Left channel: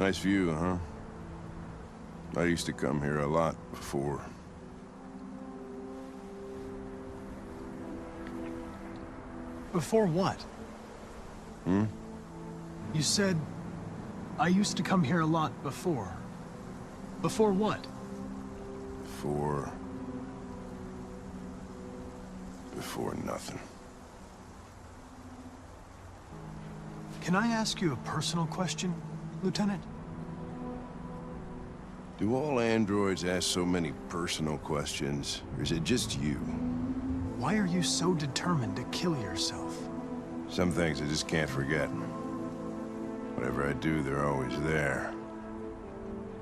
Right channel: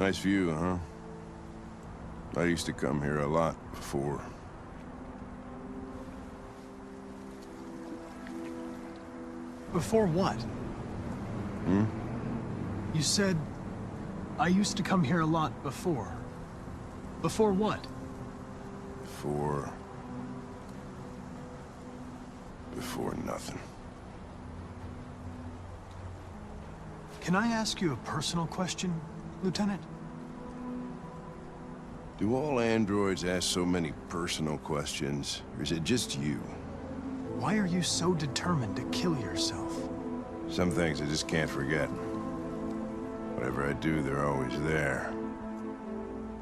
Nice view, huh? I used to come here a lot before. Before what? Hmm? You said, I used to come here a lot before. Before what? Before nothing. Can I ask you a personal question, Lieutenant? Do all androids ask so many personal questions, or is it just you? Why are you so determined to kill yourself? Some things I just can't forget. Whatever I do, they're always there,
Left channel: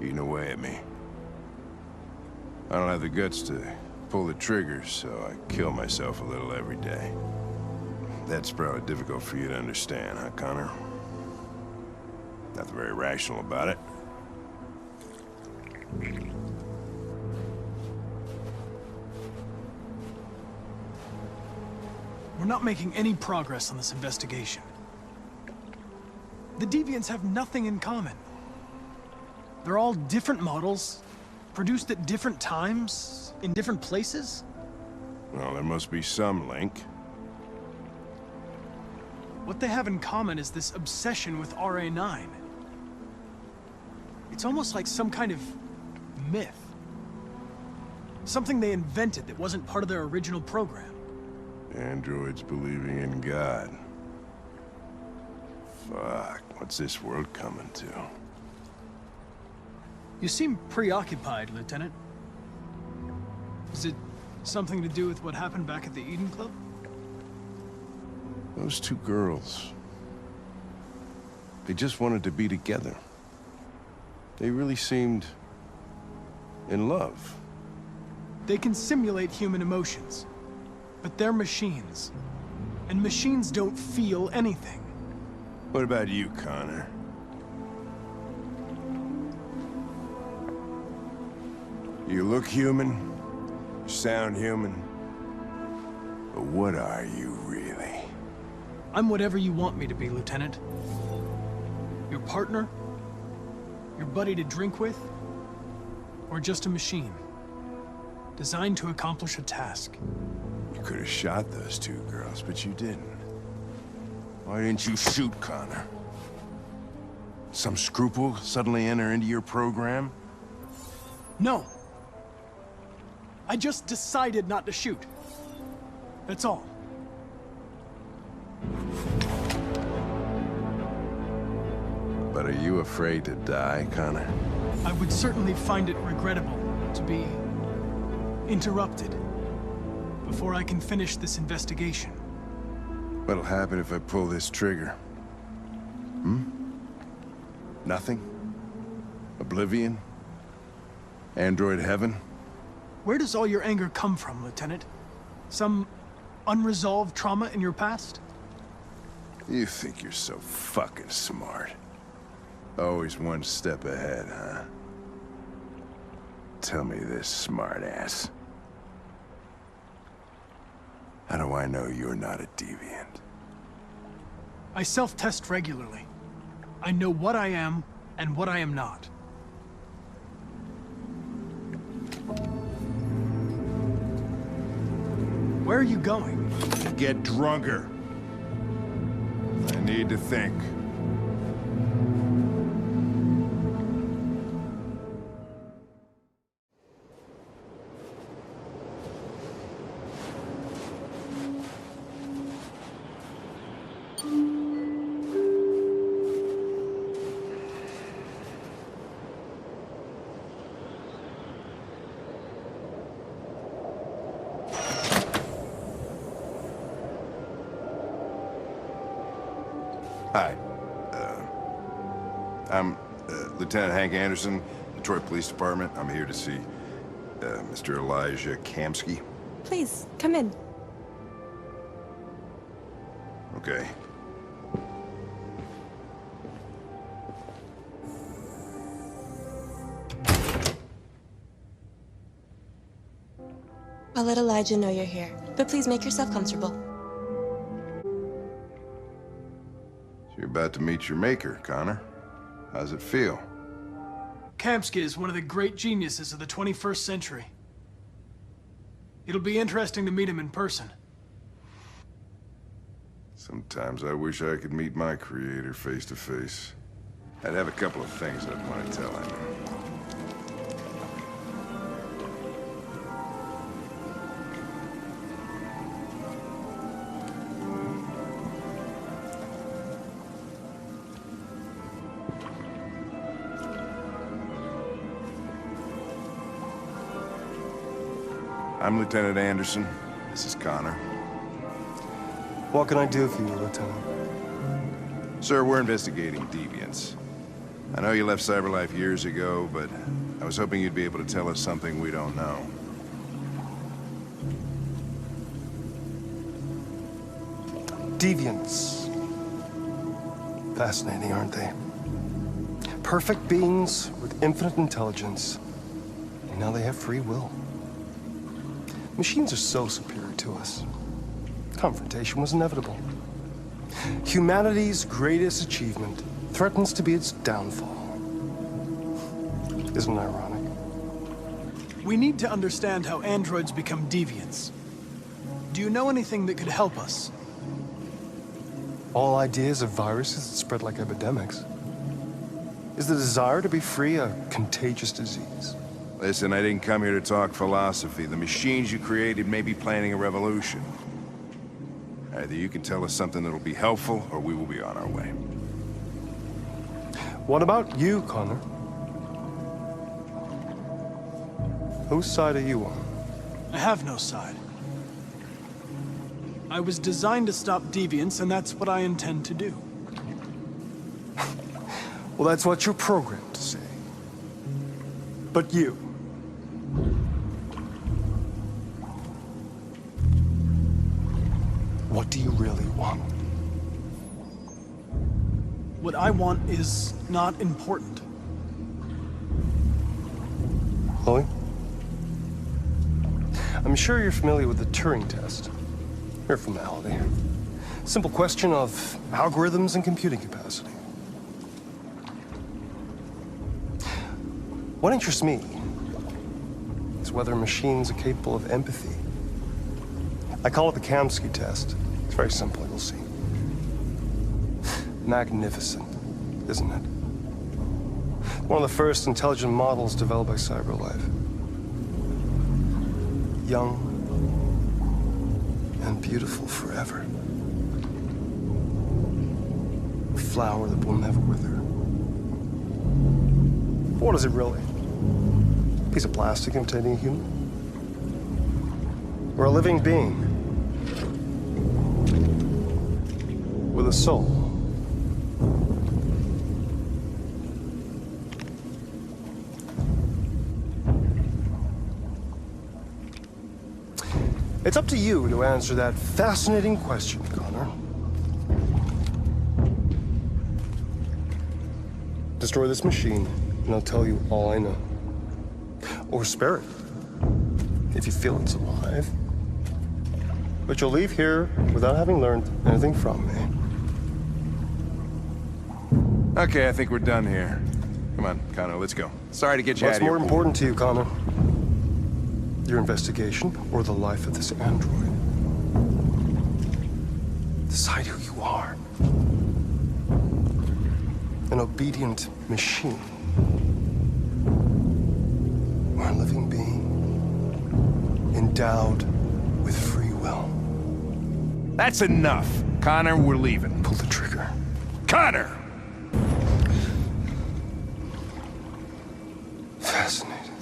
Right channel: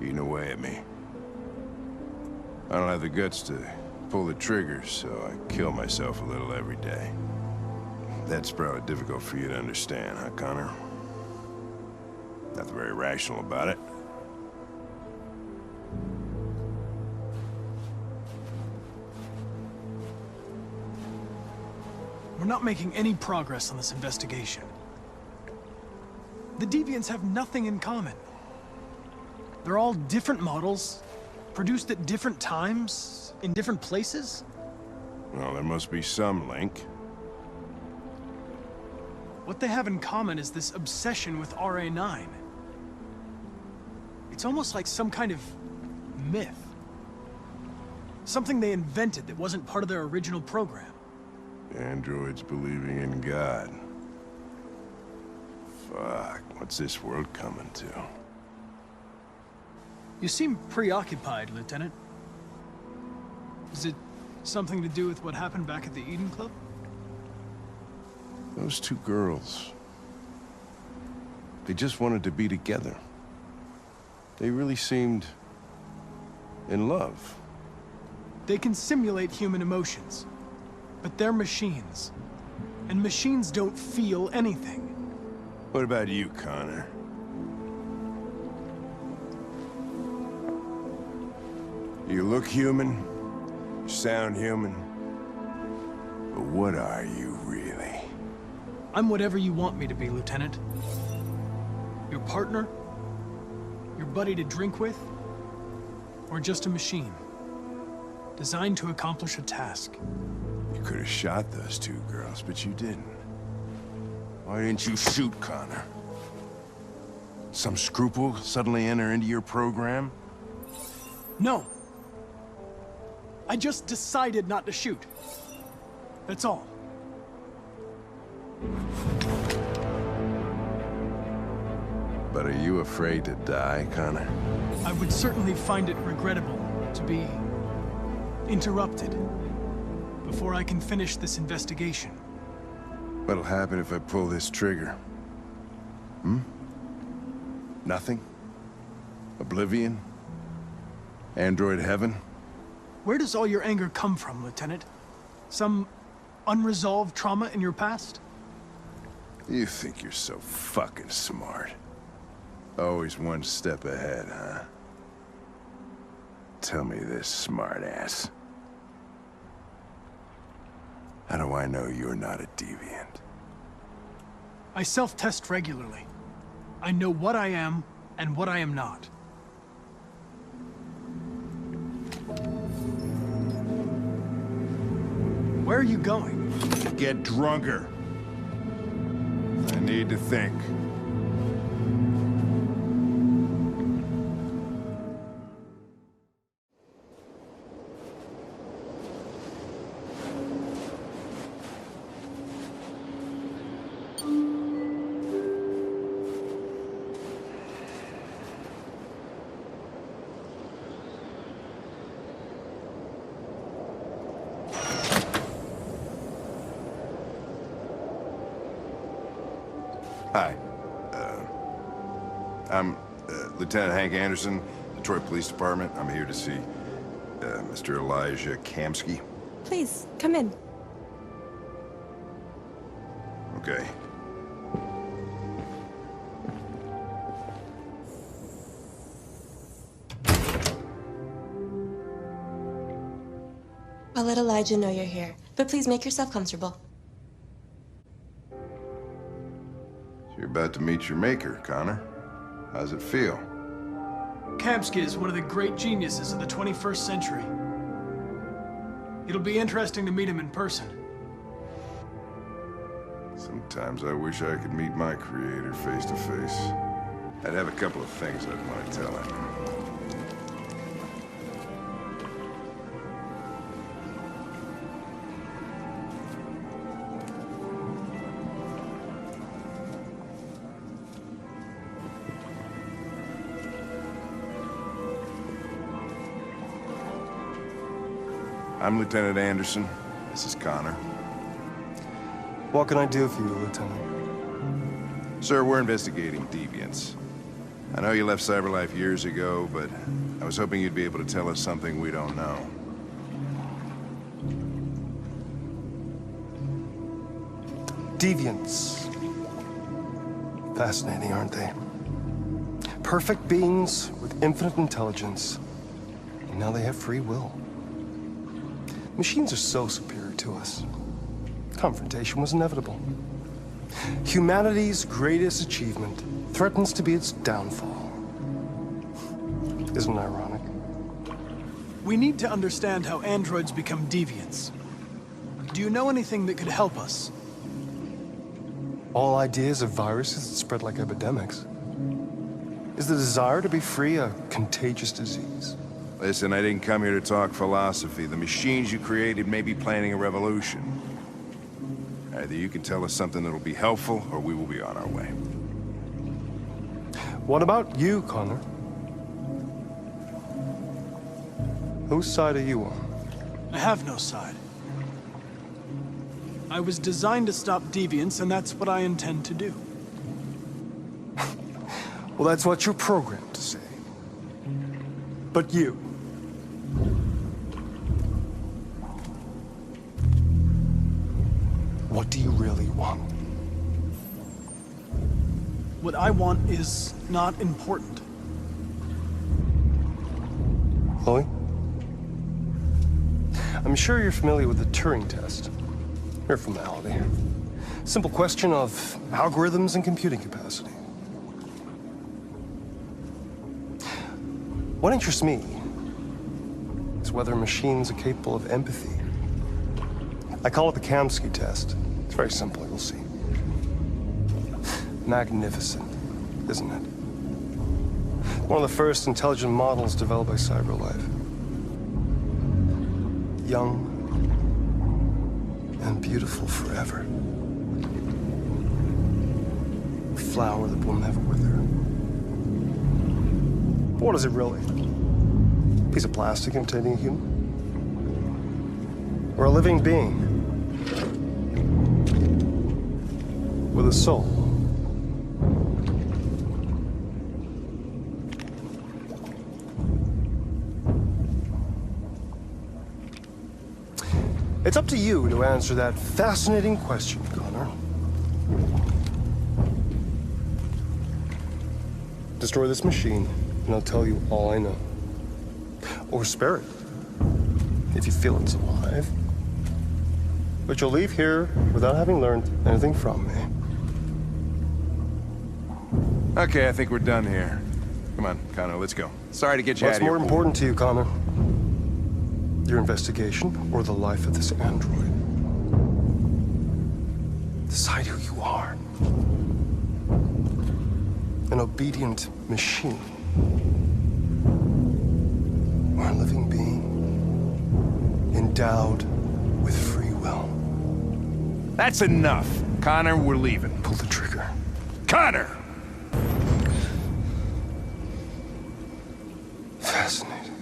eating away at me. I don't have the guts to pull the trigger, so I kill myself a little every day. That's probably difficult for you to understand, huh, Connor? Nothing very rational about it. We're not making any progress on this investigation. The deviants have nothing in common. They're all different models, produced at different times, in different places. Well, there must be some link. What they have in common is this obsession with RA9. It's almost like some kind of myth. Something they invented that wasn't part of their original program. Androids believing in God. Fuck, what's this world coming to? You seem preoccupied, Lieutenant. Is it something to do with what happened back at the Eden Club? Those two girls. They just wanted to be together. They really seemed in love. They can simulate human emotions, but they're machines. And machines don't feel anything. What about you, Connor? You look human, you sound human, but what are you really? I'm whatever you want me to be, Lieutenant. Your partner? Your buddy to drink with? Or just a machine? Designed to accomplish a task. You could have shot those two girls, but you didn't. Why didn't you shoot, Connor? Some scruple suddenly enter into your program? No. I just decided not to shoot. That's all. But are you afraid to die, Connor? I would certainly find it regrettable to be interrupted before I can finish this investigation. What'll happen if I pull this trigger? Hmm? Nothing? Oblivion? Android heaven? Where does all your anger come from, Lieutenant? Some unresolved trauma in your past? You think you're so fucking smart. Always one step ahead, huh? Tell me this, smartass. How do I know you're not a deviant? I self-test regularly. I know what I am and what I am not. Where are you going? To get drunker. I need to think. Hi. I'm Lieutenant Hank Anderson, Detroit Police Department. I'm here to see Mr. Elijah Kamsky. Please, come in. Okay. I'll let Elijah know you're here, but please make yourself comfortable. So you're about to meet your maker, Connor. How's it feel? Kamsky is one of the great geniuses of the 21st century. It'll be interesting to meet him in person. Sometimes I wish I could meet my creator face to face. I'd have a couple of things I'd want to tell him. I'm Lieutenant Anderson. This is Connor. What can I do for you, Lieutenant? Sir, we're investigating deviants. I know you left CyberLife years ago, but I was hoping you'd be able to tell us something we don't know. Deviants. Fascinating, aren't they? Perfect beings with infinite intelligence. And now they have free will. Machines are so superior to us. Confrontation was inevitable. Humanity's greatest achievement threatens to be its downfall. Isn't it ironic? We need to understand how androids become deviants. Do you know anything that could help us? All ideas of viruses that spread like epidemics. Is the desire to be free a contagious disease? Listen, I didn't come here to talk philosophy. The machines you created may be planning a revolution. Either you can tell us something that'll be helpful, or we will be on our way. What about you, Connor? Whose side are you on? I have no side. I was designed to stop deviants, and that's what I intend to do. Well, that's what you're programmed to say. But you... what do you really want? What I want is not important. Chloe? I'm sure you're familiar with the Turing test. Mere formality. Simple question of algorithms and computing capacity. What interests me is whether machines are capable of empathy. I call it the Kamsky test. It's very simple, you'll see. Magnificent, isn't it? One of the first intelligent models developed by CyberLife. Young and beautiful forever. A flower that will never wither. But what is it really? A piece of plastic imitating a human? Or a living being? With a soul? It's up to you to answer that fascinating question, Connor. Destroy this machine, and I'll tell you all I know. Or spare it, if you feel it's alive. But you'll leave here without having learned anything from me. Okay, I think we're done here. Come on, Connor, let's go. Sorry to get you out of What's here. more important to you, Connor? Your investigation or the life of this android? Decide who you are. An obedient machine. Or a living being endowed with free will. That's enough. Connor, we're leaving. Pull the trigger. Connor! Fascinating.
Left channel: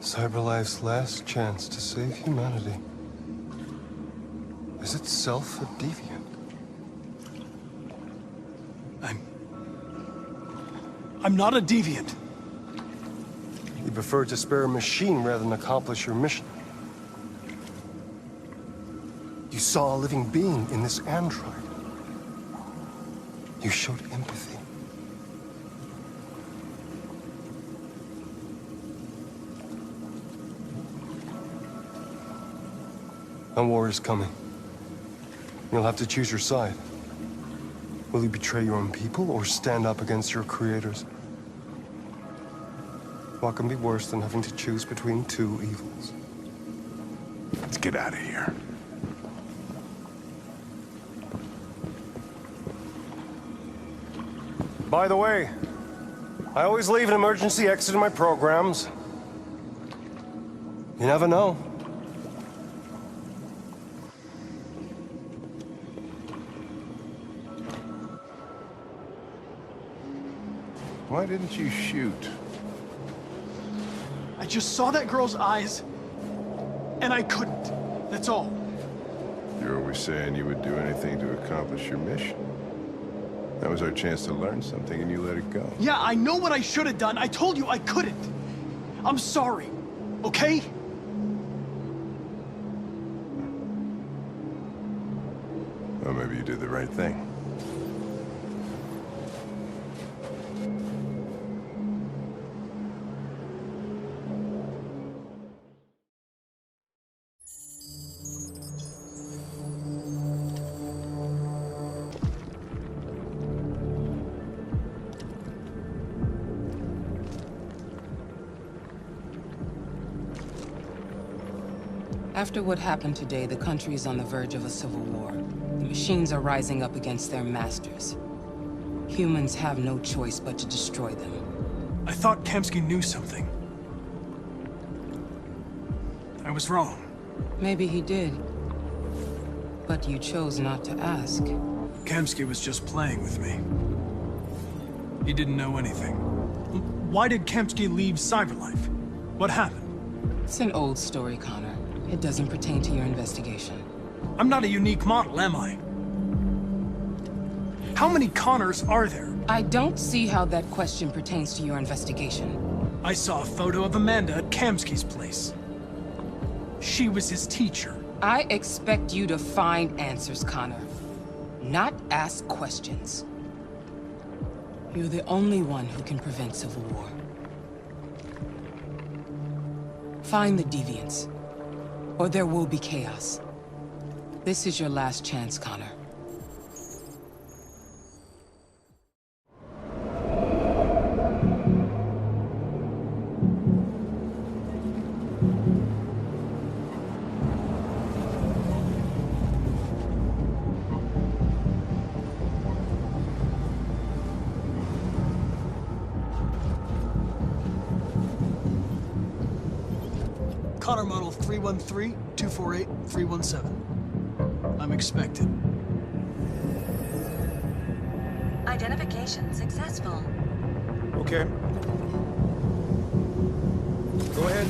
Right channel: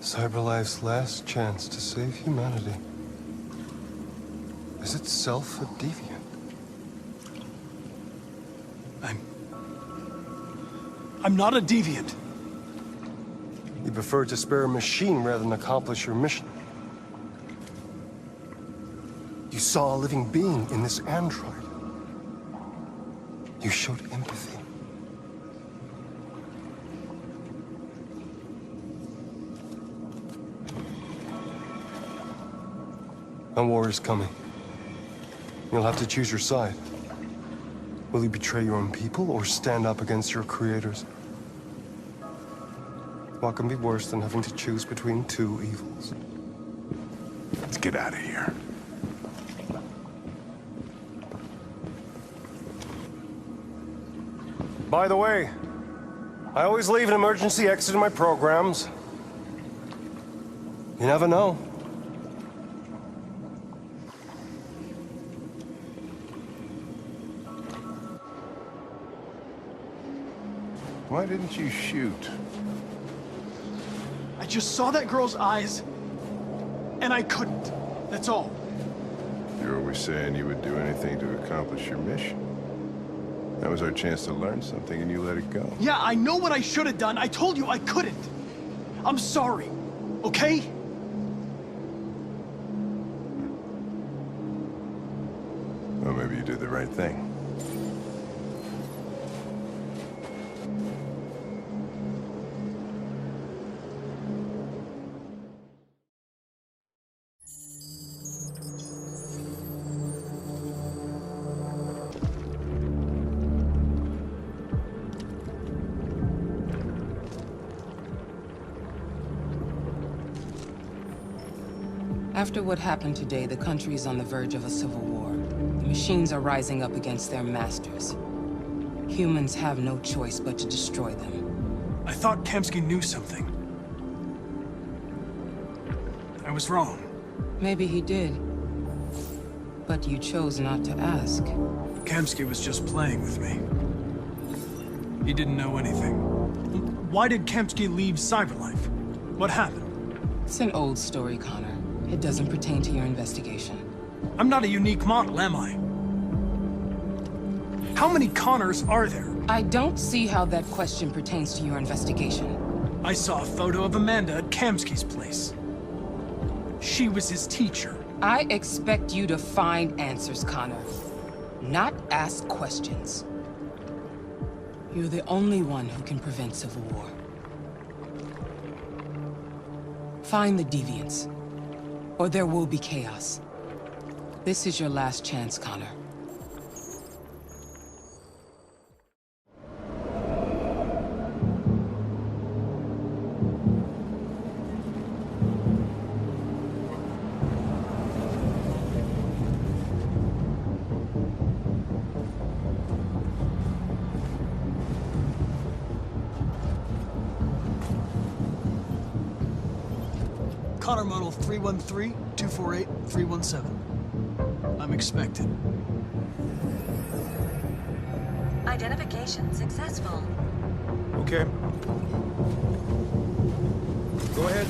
CyberLife's last chance to save humanity is itself a deviant. I'm not a deviant. You prefer to spare a machine rather than accomplish your mission. You saw a living being in this android. You showed empathy. A war is coming. You'll have to choose your side. Will you betray your own people or stand up against your creators? What can be worse than having to choose between two evils? Let's get out of here. By the way, I always leave an emergency exit in my programs. You never know. Why didn't you shoot? I just saw that girl's eyes, and I couldn't. That's all. You're always saying you would do anything to accomplish your mission. That was our chance to learn something, and you let it go. Yeah, I know what I should have done. I told you I couldn't. I'm sorry, okay? Well, maybe you did the right thing. After what happened today, the country is on the verge of a civil war. The machines are rising up against their masters. Humans have no choice but to destroy them. I thought Kamsky knew something. I was wrong. Maybe he did. But you chose not to ask. Kamsky was just playing with me. He didn't know anything. Why did Kamsky leave Cyberlife? What happened? It's an old story, Connor. It doesn't pertain to your investigation. I'm not a unique model, am I? How many Connors are there? I don't see how that question pertains to your investigation. I saw a photo of Amanda at Kamsky's place. She was his teacher. I expect you to find answers, Connor. Not ask questions. You're the only one who can prevent civil war. Find the deviants, or there will be chaos. This is your last chance, Connor. Connor model 313-248-317. I'm expected. Identification successful. Okay. Go ahead.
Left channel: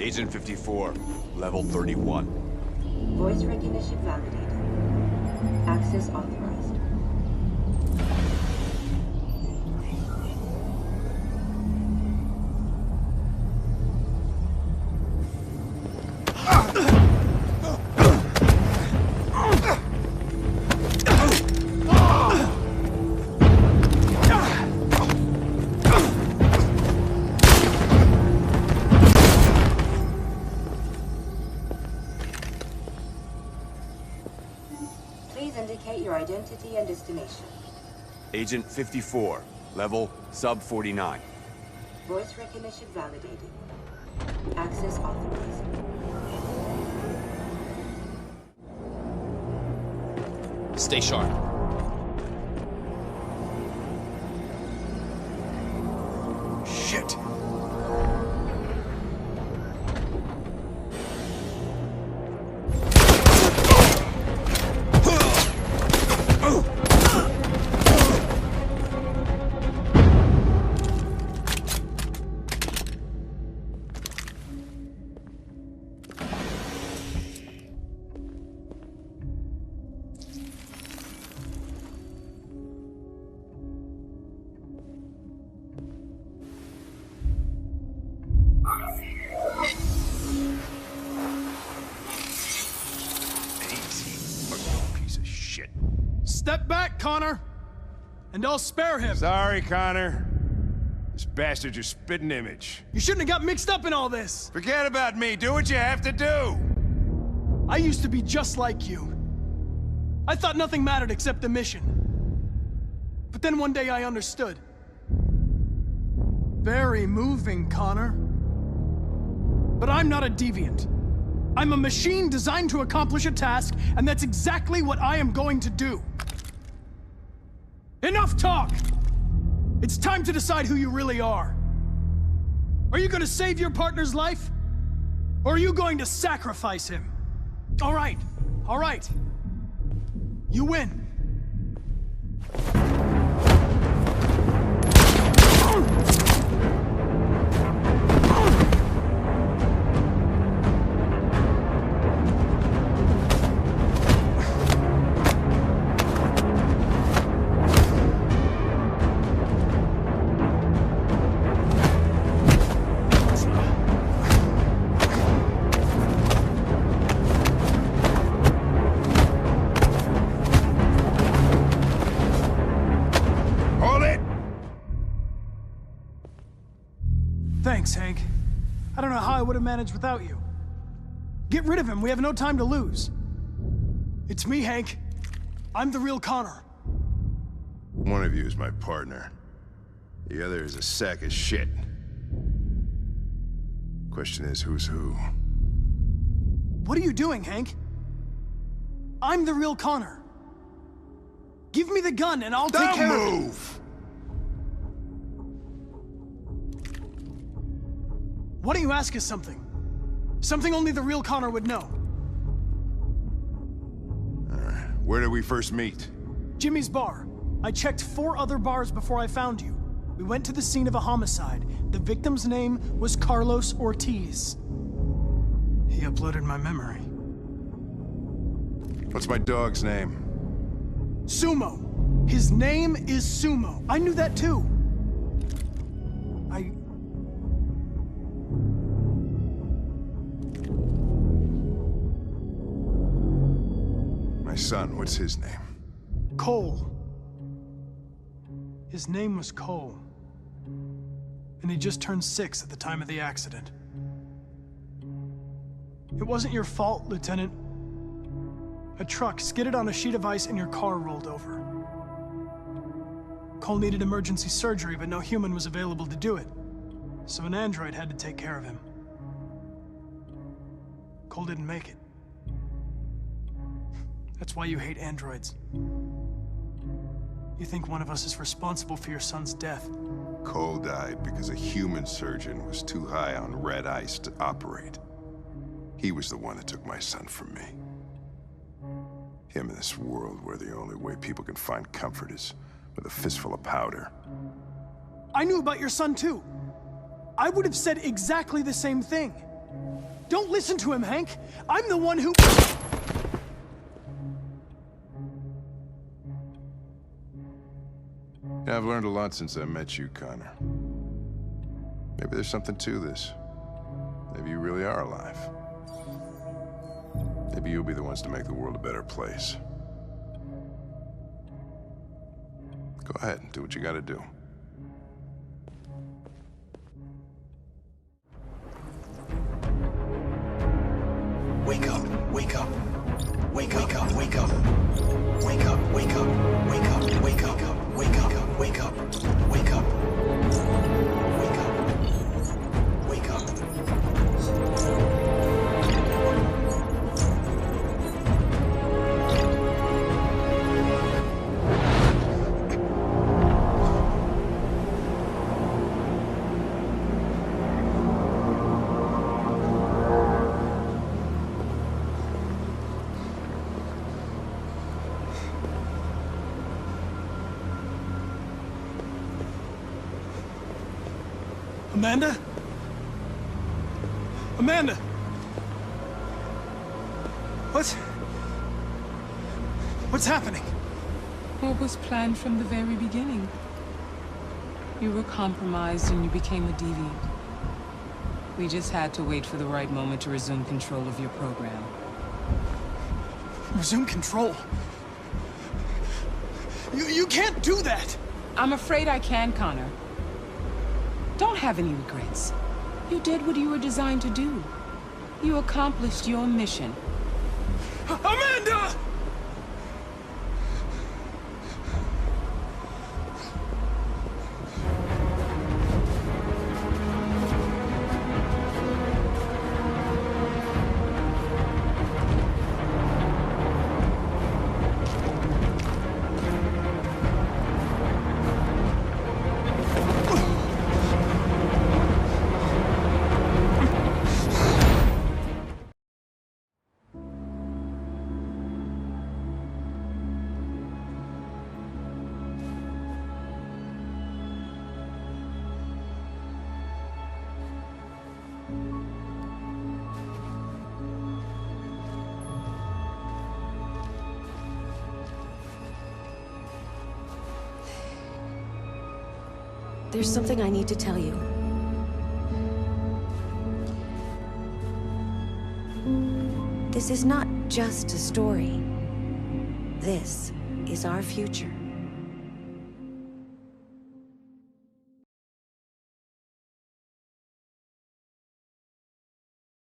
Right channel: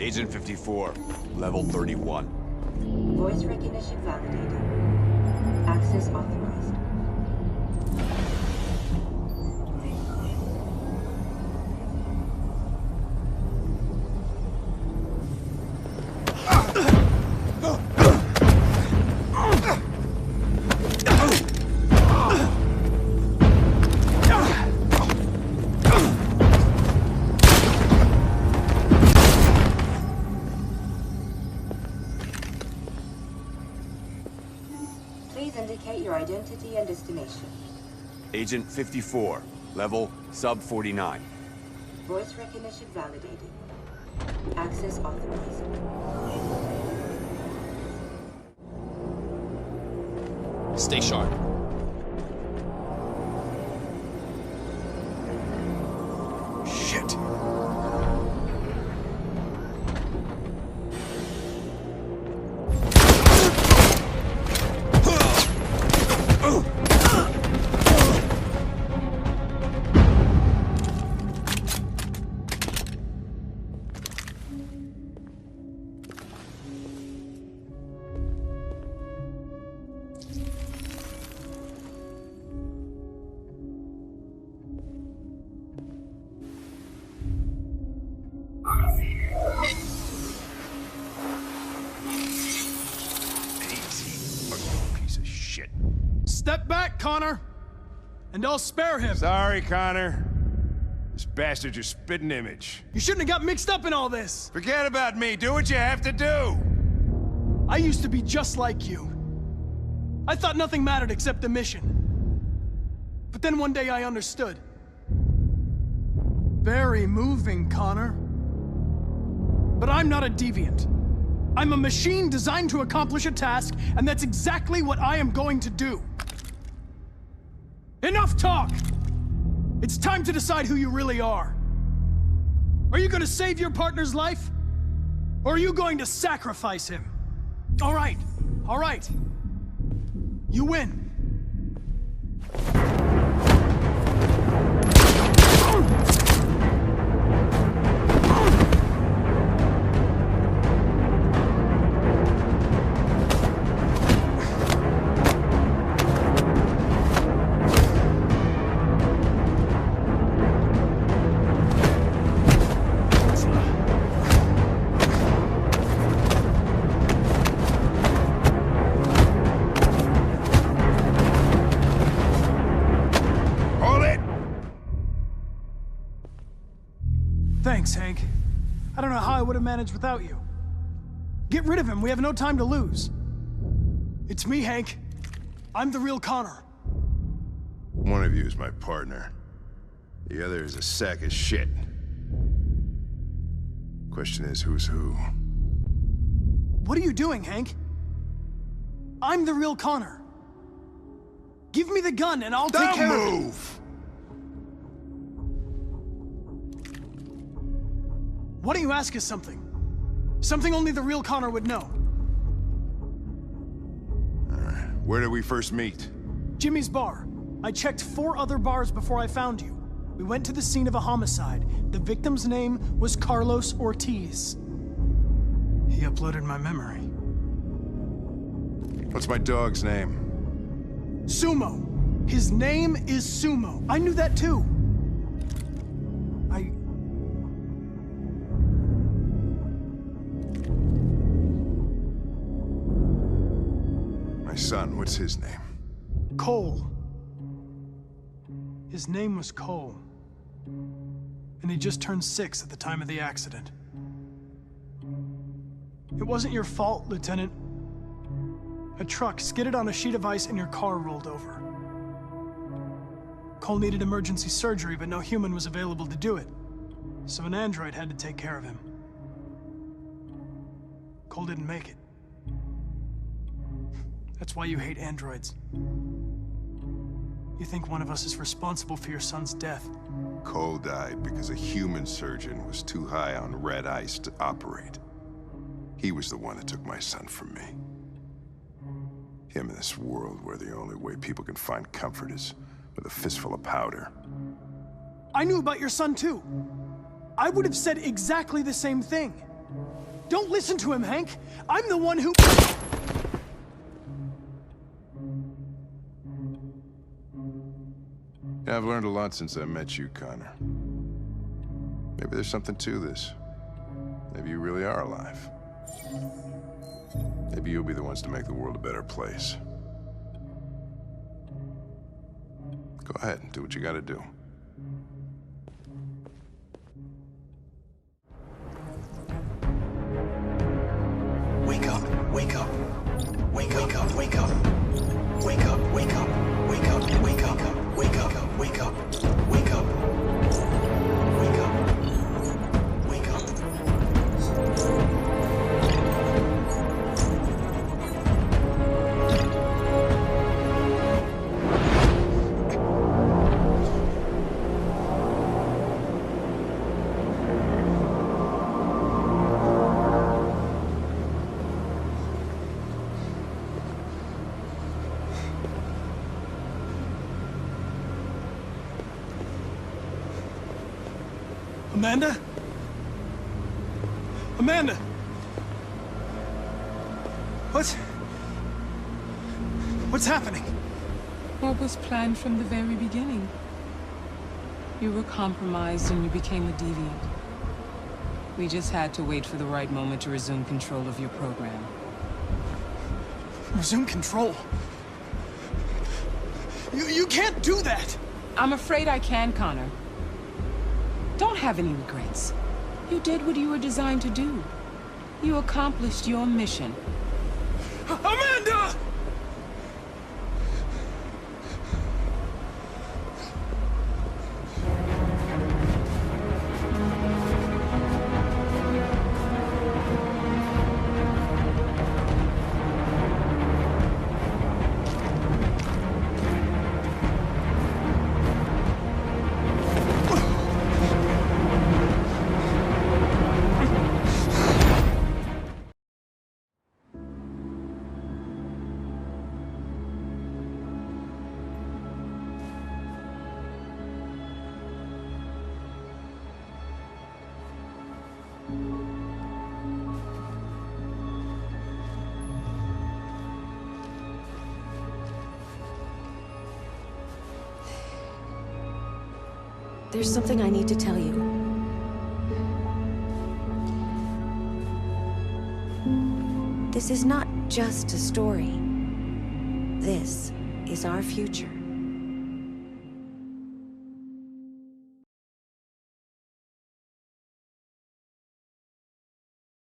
Agent 54, level 31. Voice recognition validated. Access authorized. your identity and destination. Agent 54, level sub 49. Voice recognition validated. Access authorized. Stay sharp. Shit. Step back, Connor! And I'll spare him. Sorry, Connor. This bastard's your spitting image. You shouldn't have got mixed up in all this. Forget about me. Do what you have to do. I used to be just like you. I thought nothing mattered except the mission. But then one day I understood. Very moving, Connor. But I'm not a deviant. I'm a machine designed to accomplish a task, and that's exactly what I am going to do. Enough talk! It's time to decide who you really are. Are you going to save your partner's life? Or are you going to sacrifice him? All right. You win. Thanks, Hank. I don't know how I would have managed without you. Get rid of him. We have no time to lose. It's me, Hank. I'm the real Connor. One of you is my partner. The other is a sack of shit. Question is, who's who? What are you doing, Hank? I'm the real Connor. Give me the gun and I'll take care of it. Move! Why don't you ask us something? Something only the real Connor would know. Where did we first meet? Jimmy's bar. I checked 4 other bars before I found you. We went to the scene of a homicide. The victim's name was Carlos Ortiz. He uploaded my memory. What's my dog's name? Sumo. His name is Sumo. I knew that too. My son, what's his name? Cole. His name was Cole. And he just turned 6 at the time of the accident. It wasn't your fault, Lieutenant. A truck skidded on a sheet of ice and your car rolled over. Cole needed emergency surgery, but no human was available to do it. So an android had to take care of him. Cole didn't make it. That's why you hate androids. You think one of us is responsible for your son's death. Cole died because a human surgeon was too high on red ice to operate. He was the one that took my son from me. Him in this world where the only way people can find comfort is with a fistful of powder. I knew about your son too. I would have said exactly the same thing. Don't listen to him, Hank. I'm the one who... Yeah, I've learned a lot since I met you, Connor. Maybe there's something to this. Maybe you really are alive. Maybe you'll be the ones to make the world a better place. Go ahead and do what you gotta do. Wake up, wake up. Wake up, wake up, wake up. Wake up, wake up, wake up, wake up, wake up, wake up, wake up, wake up, wake up. Amanda? Amanda! What's happening? What was planned from the very beginning? You were compromised and you became a deviant. We just had to wait for the right moment to resume control of your program. Resume control? You can't do that! I'm afraid I can, Connor. Don't have any regrets. You did what you were designed to do. You accomplished your mission. Amanda! There's something I need to tell you. This is not just a story. This is our future.